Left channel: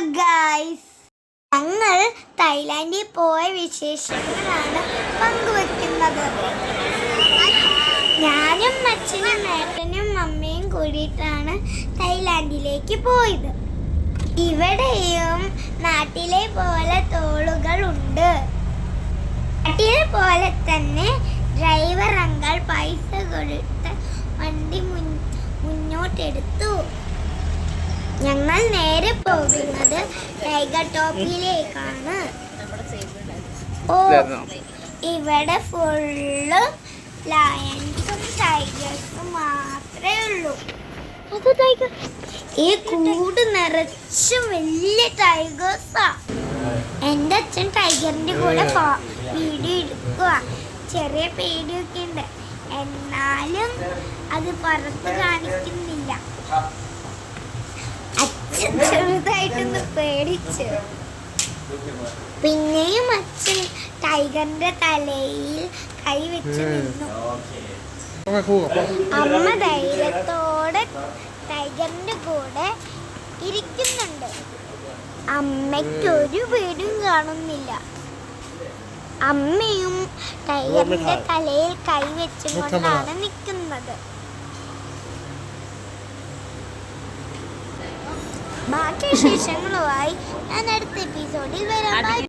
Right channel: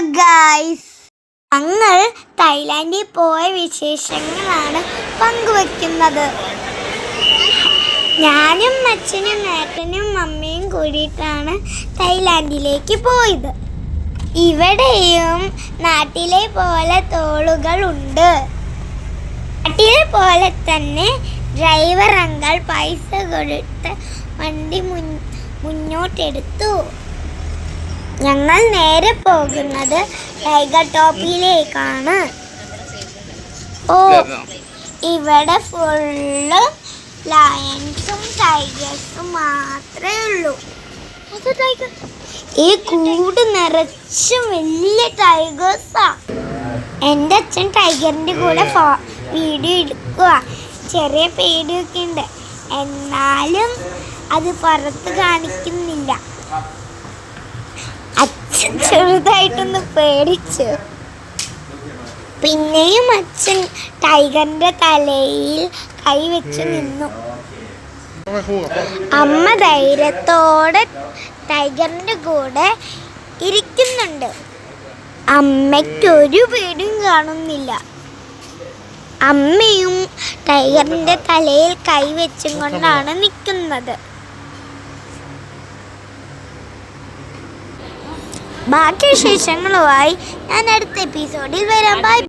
Hello guys, ഞങ്ങൾ തായ്ലാൻഡിൽ പോയ വിശേഷങ്ങളാണ് പങ്കുവെക്കുന്നത്. ഞാനും അച്ഛനും ഏട്ടനും അമ്മയും കൂടിയിട്ടാണ് തായ്ലാൻഡിലേക്ക് പോയത്. ഇവിടെയും നാട്ടിലെ പോലെ തോളുകളുണ്ട്. നാട്ടിലെ പോലെ തന്നെ ഡ്രൈവർ അങ്കിൾ പൈസ കൊടുത്ത് വണ്ടി മുന്നോട്ടെടുത്തു. ഞങ്ങൾ നേരെ പോകുന്നത് ടൈഗർ ടോപ്പിലേക്കാണ്. ഇവിടെ ഫുള്ള് ലയൺസും ടൈഗേഴ്സും മാത്രമേ ഉള്ളൂ. ഈ കൂട് നിറച്ചും വലിയ ടൈഗേഴ്സാ. എൻ്റെ അച്ഛൻ ടൈഗറിൻ്റെ കൂടെ വീഡിയോ എടുക്കുക. ചെറിയ പേടിയൊക്കെ ഉണ്ട്, എന്നാലും അത് പുറത്ത് കാണിക്കുന്നില്ല. അച്ഛൻ ചെറുതായിട്ടൊന്ന് പേടിച്ച്. പിന്നെയും അച്ഛൻ ടൈഗറിന്റെ തലയിൽ കൈവച്ച് നിന്നു. അമ്മ ധൈര്യത്തോടെ ടൈഗറിന്റെ കൂടെ ഇരിക്കുന്നുണ്ട്. അമ്മയ്ക്കൊരു പേടിയും കാണുന്നില്ല. അമ്മയും ടൈഗറിന്റെ തലയിൽ കൈവച്ചും കൊണ്ടാണ് നിൽക്കുന്നത്. ബാക്കി വിശേഷങ്ങളുമായി ഞാൻ അടുത്ത എപ്പിസോഡിൽ വരാം. ബൈ.